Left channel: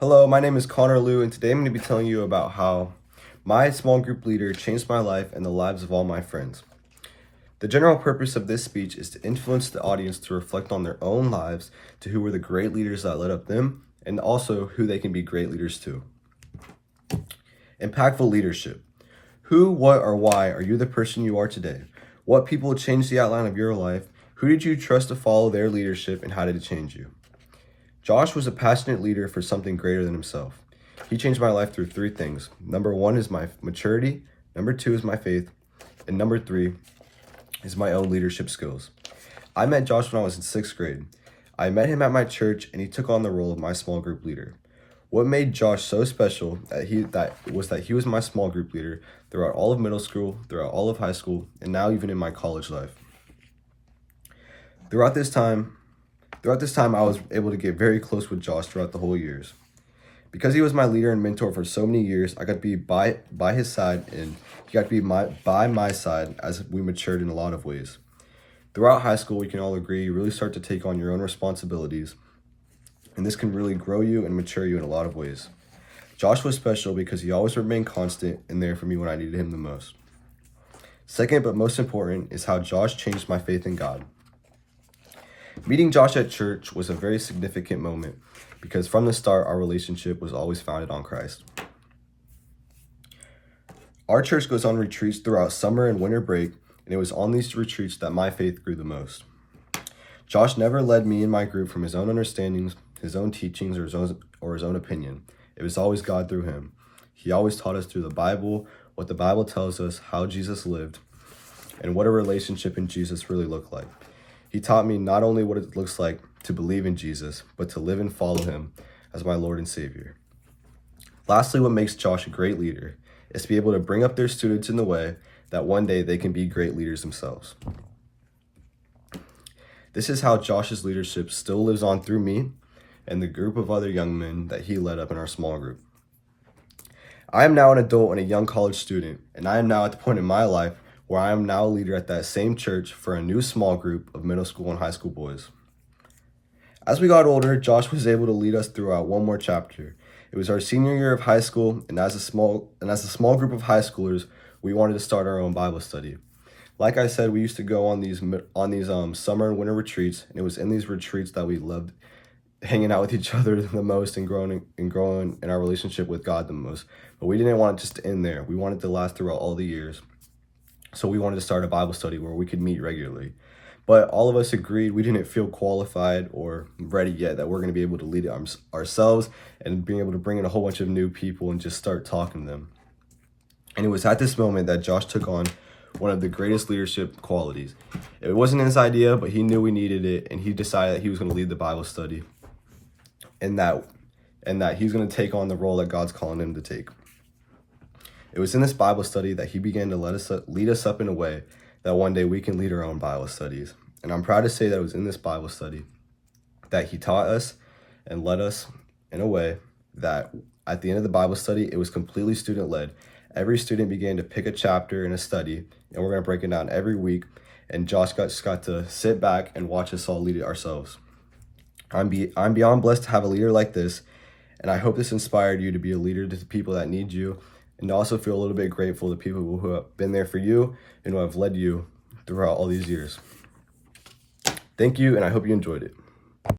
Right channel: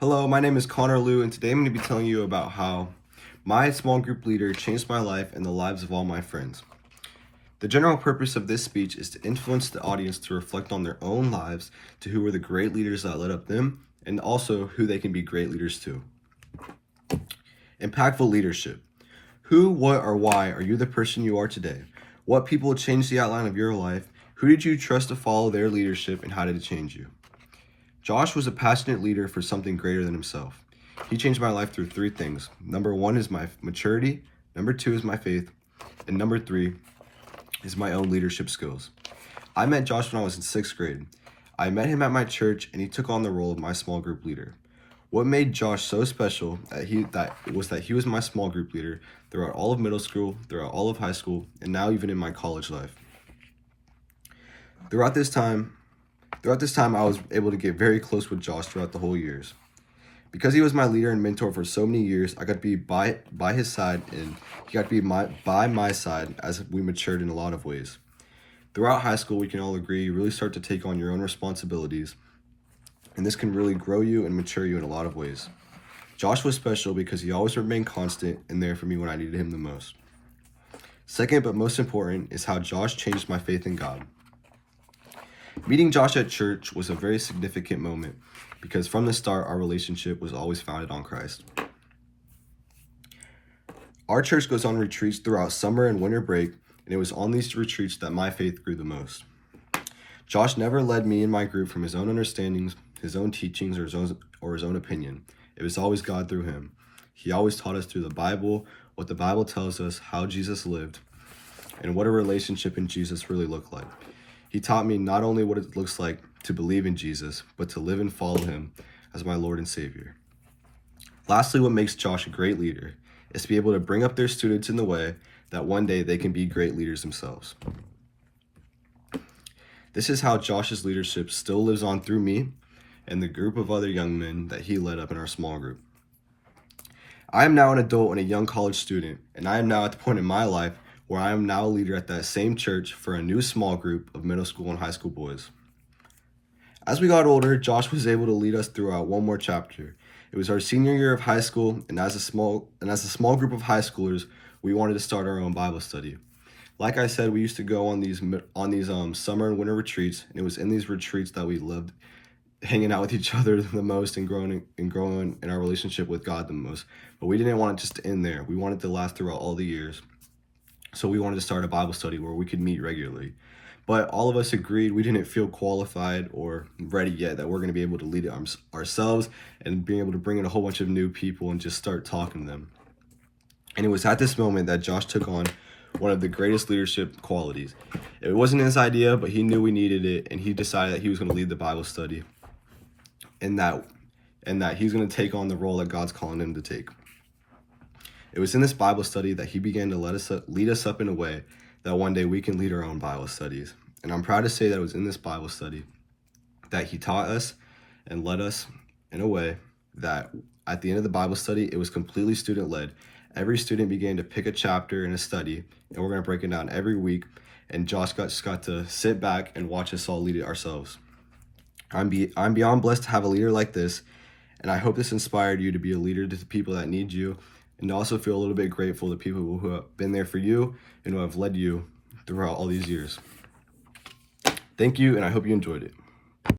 Hello, my name is Connor Liu, and today I'm going to be telling you about how my small group leader changed my life and the lives of all my friends. The general purpose of this speech is to influence the audience to reflect on their own lives, to who were the great leaders that led up them, and also who they can be great leaders to. Impactful leadership. Who, what, or why are you the person you are today? What people changed the outline of your life? Who did you trust to follow their leadership, and how did it change you? Josh was a passionate leader for something greater than himself. He changed my life through three things. Number one is my maturity, number two is my faith, and number three is my own leadership skills. I met Josh when I was in 6th grade. I met him at my church and he took on the role of my small group leader. What made Josh so special that he was my small group leader throughout all of middle school, throughout all of high school, and now even in my college life. Throughout this time, I was able to get very close with Josh throughout the whole years. Because he was my leader and mentor for so many years, I got to be by his side, and he got to be by my side as we matured in a lot of ways. Throughout high school, we can all agree you really start to take on your own responsibilities, and this can really grow you and mature you in a lot of ways. Josh was special because he always remained constant and there for me when I needed him the most. Second, but most important, is how Josh changed my faith in God. Meeting Josh at church was a very significant moment because from the start, our relationship was always founded on Christ. Our church goes on retreats throughout summer and winter break, and it was on these retreats that my faith grew the most. Josh never led me and my group from his own understandings, his own teachings, or his own opinion. It was always God through him. He always taught us through the Bible, what the Bible tells us, how Jesus lived, and what a relationship in Jesus really looked like. He taught me not only what it looks like to believe in Jesus, but to live and follow him as my Lord and Savior. Lastly, what makes Josh a great leader is to be able to bring up their students in the way that one day they can be great leaders themselves. This is how Josh's leadership still lives on through me and the group of other young men that he led up in our small group. I am now an adult and a young college student, and I am now at the point in my life where I am now a leader at that same church for a new small group of middle school and high school boys. As we got older, Josh was able to lead us throughout one more chapter. It was our senior year of high school, and as a small group of high schoolers, we wanted to start our own Bible study. Like I said, we used to go on these summer and winter retreats, and it was in these retreats that we loved hanging out with each other the most and growing in our relationship with God the most. But we didn't want it just to end there. We wanted it to last throughout all the years. So we wanted to start a Bible study where we could meet regularly. But all of us agreed we didn't feel qualified or ready yet that we're going to be able to lead it ourselves and being able to bring in a whole bunch of new people and just start talking to them. And it was at this moment that Josh took on one of the greatest leadership qualities. It wasn't his idea, but he knew we needed it, and he decided that he was going to lead the Bible study and that he's going to take on the role that God's calling him to take. It was in this Bible study that he began to lead us up in a way that one day we can lead our own Bible studies. And I'm proud to say that it was in this Bible study that he taught us and led us in a way that at the end of the Bible study, it was completely student-led. Every student began to pick a chapter in a study, and we're going to break it down every week. And Josh just got to sit back and watch us all lead it ourselves. I'm beyond blessed to have a leader like this, and I hope this inspired you to be a leader to the people that need you, and to also feel a little bit grateful to people who have been there for you and who have led you throughout all these years. Thank you, and I hope you enjoyed it.